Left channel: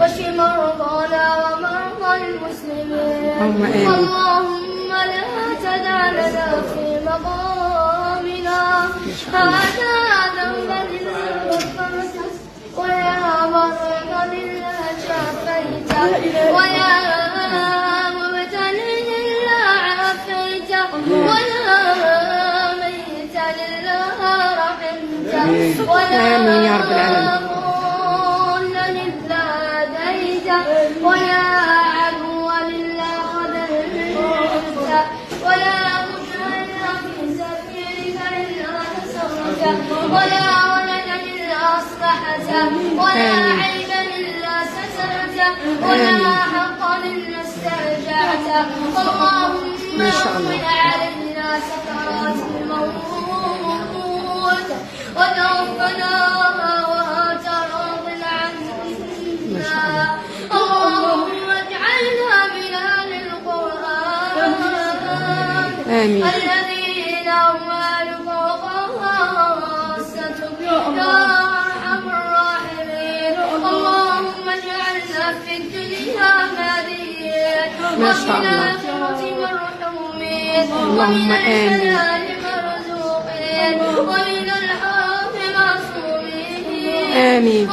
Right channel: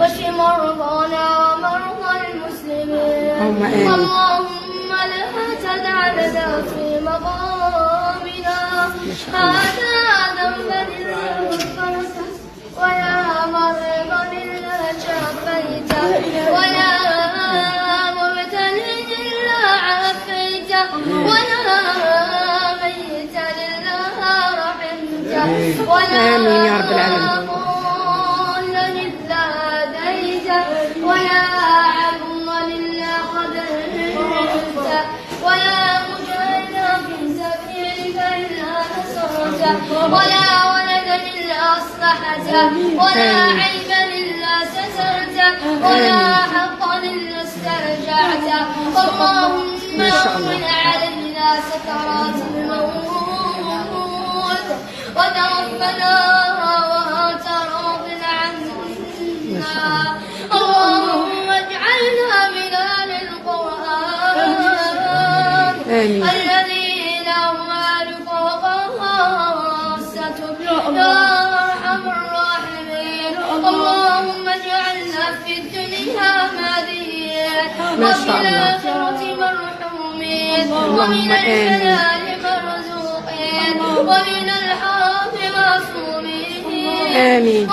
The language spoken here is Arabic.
واشف مرضانا ومرضى المسلمين. اللهم لا تدع لنا في مقامنا هذا ذنبا إلا غفرته، ولا مرضا إلا شفيته، ولا مبتلى إلا عافيته، ولا ميتا إلا رحمته، ولا آمين يا رب العالمين. ضالا إلا هديته، ولا عدوا إلا قدرته، ولا مجاهدا في سبيلك إلا نصرته، ولا ولدا إلا أصلحته، ولا عيبا إلا سترته، ولا حقا إلا استرجعته. اللهم هون علينا سكرات الموت وتوفنا وأنت راض عنا. اللهم اجعلنا من أهل القرآن الذين هم أهل خاصتك يا أرحم الراحمين. اللهم اجعلنا في الدنيا هاديين، وفي الآخرة مرحومين، ومن الحلال مرزوقين، ومن الحرام معصومين. آمين.